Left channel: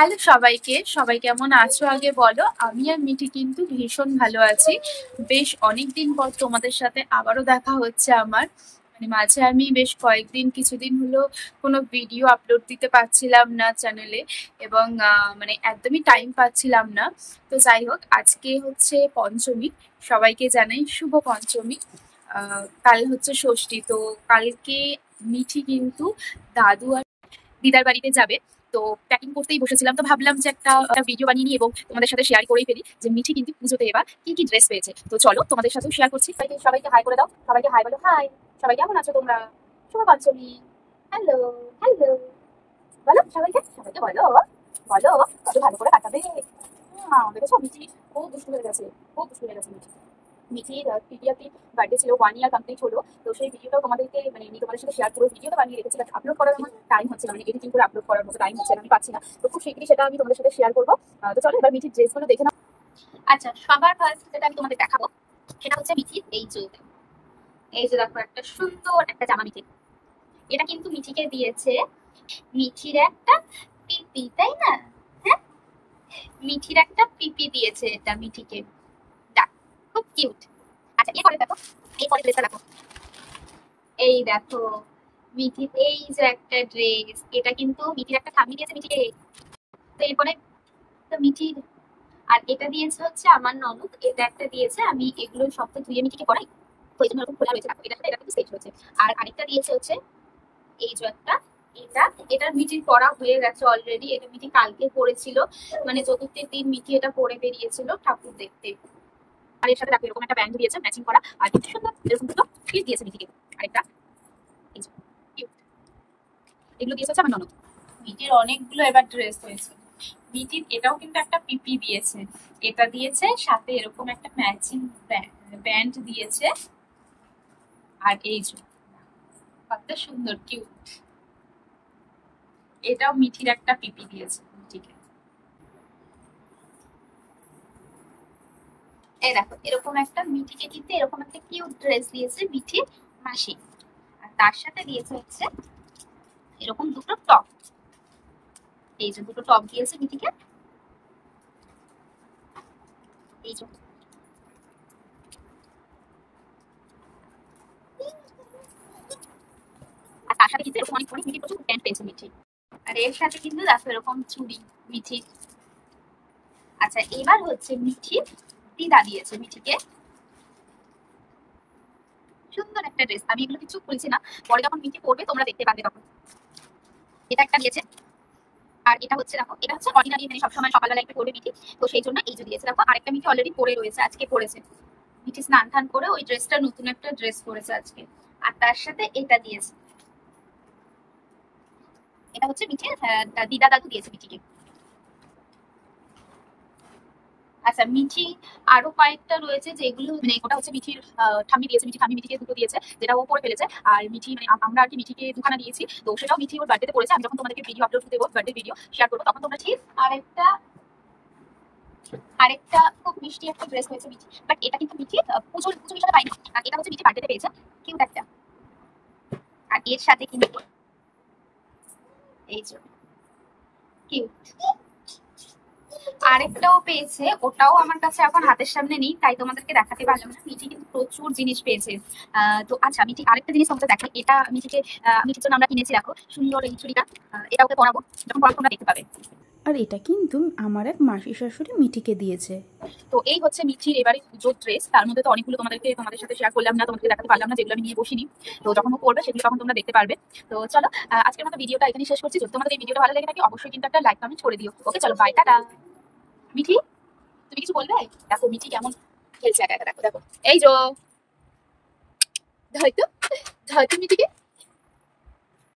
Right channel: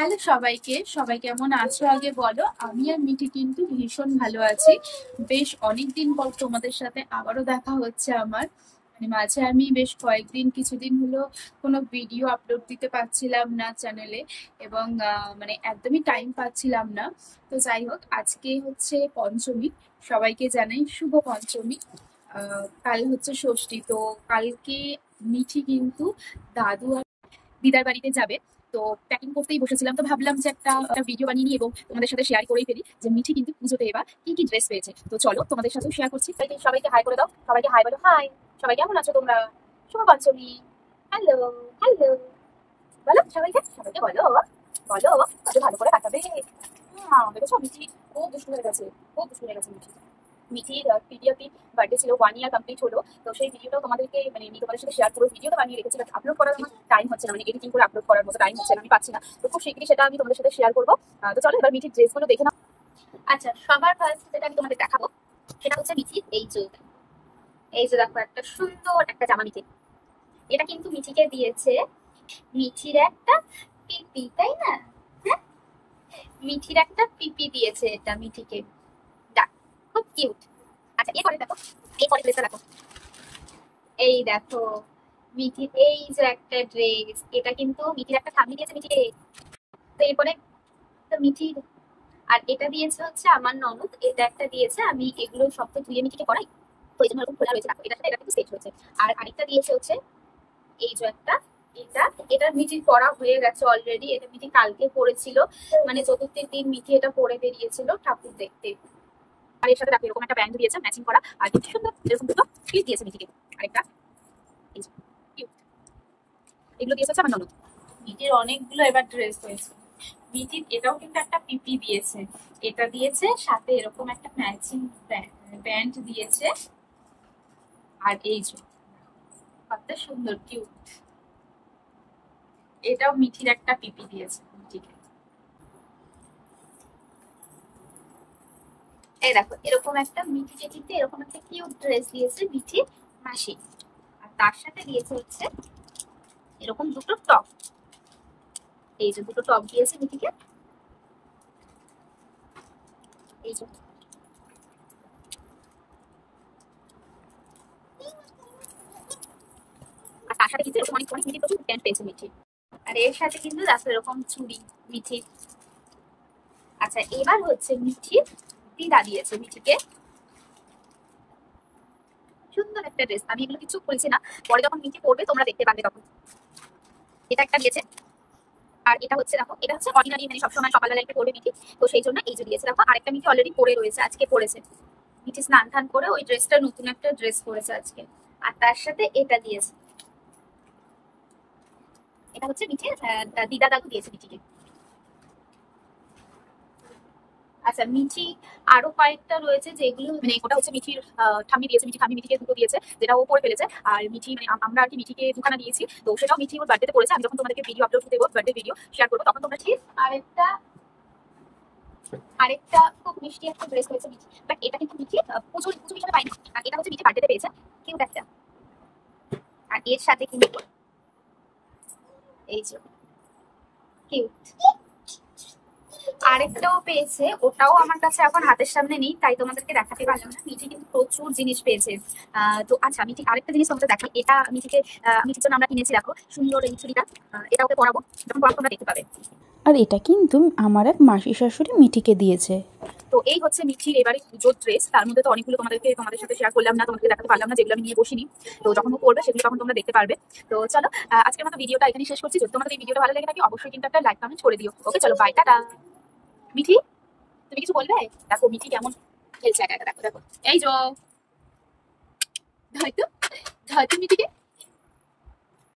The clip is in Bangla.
হ্যালো সবাইকে, সবাই কেমন আছো আগে বলো। আমি আর মিঠি কিন্তু ভীষণ ভালো আছি। বেশ অনেকদিন পর তোমাদের সাথে আবারও দেখা হচ্ছে আমার। মানে মাঝে আমি বেশ কয়েকদিন কিছুদিন হলো কোনো ভিডিও আপলোড দিতে পারছিলাম না চ্যানেলে, এবং মানে একদমই টাইম পাচ্ছিলাম না। তো যাই হোক, আজকে হচ্ছে পঞ্চমী, সবাইকে জানাই শুভ পঞ্চমী। কাল হচ্ছে ষষ্ঠী, তো কালকে মিঠি কিন্তু দাদু আর দিদার বাড়িতে যাবে। তো প্যাকিং করতেই বসেছিলাম, তো ভাবলাম যে একটা ভিডিও বানিয়ে নিই এবং তোমাদের সাথে শেয়ার করেই ফেলি যে মিঠি কিন্তু পুজোতে এবার কি কি ড্রেস পেয়েছে। তো চলো তোমাদের সাথেও শেয়ার করছি। সবাইকে হাই করে দাও, সবাইকে হাই বলো। হাই, সবাই কেমন আছো তোমরা? শুভ পঞ্চমী। হ্যালো, হ্যালো, বলো সবাইকে, সবাইকে বলো, বলো কত ভালো করে কাটাবে। দেখেছো মিঠি খুব দুষ্টু হয়ে গেছে, খুব দুষ্টু হয়ে গেছে মিঠি। মিঠির পিডিয়াপি বার্থডে ছিল, 1 ইয়ার কমপ্লিট হলো। তো সেই ভিডিওটাও তোমাদেরকে মানে আমি তোমাদের সাথে শেয়ার করবো। ভিডিওটা বানিয়ে রেখেছি, বাট আপলোড করার আমার টাইম হচ্ছে না, মানে এডিটিং করে আপলোড করার মতো টাইম হচ্ছে না, আমি পাচ্ছি না। তো খুব শীঘ্রই সেটা আমি তোমাদের সাথে শেয়ার করবো। তো চলো এবার মিঠির ড্রেসগুলো দেখে নাও। আচ্ছা, সবার ফার্স্ট যেটা আমি তোমাদের দেখাবো সেটা হচ্ছে মিঠির এই যে দেখো একটা সুন্দর একটা জামা মিঠি। এটা কিন্তু মিঠিকে দিয়েছে মিঠির একটা পিপি, তাই না? হ্যাঁ, মিঠির একটা পিপি দিয়েছে এটা মিঠিকে। দেখ, খুব কিউট। আচ্ছা, এরপরে দেখো, এরপরে ড্রেসটা দেখো। এই দেখো মিঠির এই যে একটা ড্রেস, এটা কিন্তু মিঠির একটা ঠাম্মি দিয়েছে মিঠিকে। তো এরপরে তো মিঠির, আর এটা দিয়েছে হচ্ছে আমার ননদ, এটা একটা দিয়েছে। আমি এগুলো সব তো ধুয়ে মিঠিকে পরাই, তো এই জন্য এরকম খোলা রয়েছে। দেখো এটার সাথে এটা কিন্তু সেট হয়েছে। আর আরেকটা দিয়েছে হচ্ছে এই যে একটা, এটা এটা মিঠির পরা হয়ে গেছে অলরেডি। এটা মিঠি কালকে পরেছিল, মানে চতুর্থীর দিন মিঠি এটা পরে বেরিয়েছিল ঠাকুর দেখতে। আর এর সাথে দেখো এরকম একটা ব্যান্ড দিয়েছে ম্যাচিং করা, আর কিন্তু সুন্দর এরকম দুটো ক্লিপ দিয়েছে মিঠিকে। আরেকটা এই যে cute। এগুলো দিয়েছে হচ্ছে আমার ননদ। মিঠির অনেকগুলো এবার ড্রেস হয়েছে। মিঠির এটাও কিন্তু একটা পিপি দিয়েছে, এটা দিয়েছে, সাথে এরকম একটা ম্যাচিং ব্যান্ড দিয়েছে। আর এই যে কত সুন্দর কিউট, এটাও মিঠির একটা পিপি দিয়েছে মিঠিকে। এই দেখো এরকম একটা মিঠিকে কিন্তু এরকম একটা কিউট ড্রেস দিয়েছে মিঠির মাসি। আর তার সাথে দিয়েছে হচ্ছে এরকম দুটো টপ। এই যে দুটো টপ দিয়েছে মিঠিকে, এই যে। আর তার সাথে কিন্তু এরকম অনেক অনেক মিঠি প্রচুর প্যান্ট পেয়েছে মিঠি। আর এর সাথে কিন্তু দেখো এরকম চুড়ি মিঠির। আচ্ছা, এবার হচ্ছে মিঠির দিদা দিয়েছে মিঠিকে সুন্দর একটা ড্রেস। আমি এগুলো কিছু বলছি না, পরে যখন মিঠি পরবে তোমরা দেখতে পাবে তখন। এটা একটা দিয়েছে। আর এটা হচ্ছে দেখো, এটা হচ্ছে অর্ডিনারি, মানে সবসময় সকালবেলা একটু পরবে মিঠি, তো সেই জন্য এই যে দিয়েছে। দেখো আরেকটা মিঠি অলরেডি পরে রয়েছে, আজকে পরেছে মিঠি স্নান টান করে ওই ড্রেসটা, নতুন একটা ড্রেস পরেছে আজকে। আর তার সাথে এটা দিয়েছে, এটা হচ্ছে মিঠির দিদা দাদু দিয়েছে মিঠিকে। আচ্ছা, মিঠি আরো কয়েকটা রয়েছে যেগুলো মানে ওটা হচ্ছে মিঠির ঠাম্মি দিয়েছে, মিঠি ঠাম্মি মিঠিকে দুটো দিয়েছে, যেটা ও পরে ফেলেছে। আর মিঠি মানে আমরা আর কি মিঠিকে দুখানা দিয়েছি, তো সেটাও মিঠি ওর বার্থডেতে পড়েছে। আমি যখন তোমাদেরকে ভিডিও আপলোড দেবো, বার্থডে ভিডিও শেয়ার করবো, তখন তোমরা ঠিক। আরেকটা আরেকটা খুব মিষ্টি একটা ড্রেস হয়েছে মিঠি, বাট এটা কিন্তু মিঠি পুজো পুজো হিসাবে পাইনি। আর এটা হচ্ছে মিঠি বার্থডেতে পেয়েছে, কিউট একটা। আর এর সাথে কিন্তু এই যে কিউট আরেকটাও পেয়েছে, ওটাও আমার কাছে এখন হাতের সামনে নেই, তাই তোমাদেরকে দেখাতে পারলাম না। মিঠি কিন্তু প্রচুর জিনিস পেয়েছে। তো আচ্ছা, মিঠি আরেকটা জিনিস তোমাদের দেখাই। এটা মিঠিকে মিঠির জন্য আমরা কিনেছি, দেখো সুন্দর এই চুড়িটা। এটা ওকে পরাবো, যখন পরাবো তোমরা দেখতে পাবে। আর এটা কিন্তু আমার এক মাসি শাশুড়ি মিঠিকে দিয়েছে। তো এই হচ্ছে মিঠির এবারে পুজোর ড্রেস। তার মধ্যে তো অনেকগুলো তোমাদের সাথে শেয়ার করলাম না, তোমাদেরকে দেখাতে পারলাম না, যেগুলো আমি নিয়ে বসিনি। তো যখন ও করবে সেগুলো তখন তোমরা দেখতে পারবে। তো চলো আজকের মতো ভিডিওটা এখানে শেষ করছি। যদি তোমাদের এই ভিডিওটা ভালো লেগে থাকে অবশ্যই কিন্তু একটা লাইক কমেন্ট করে দিও। ওকে চলো, বাই, টাটা। মিঠি, তুমি কিছু বলবে? দেখো মিঠি কেমন খেলছে একা একা, দেখো দেখো এই যে, হয়তো হয়তো মিঠিকে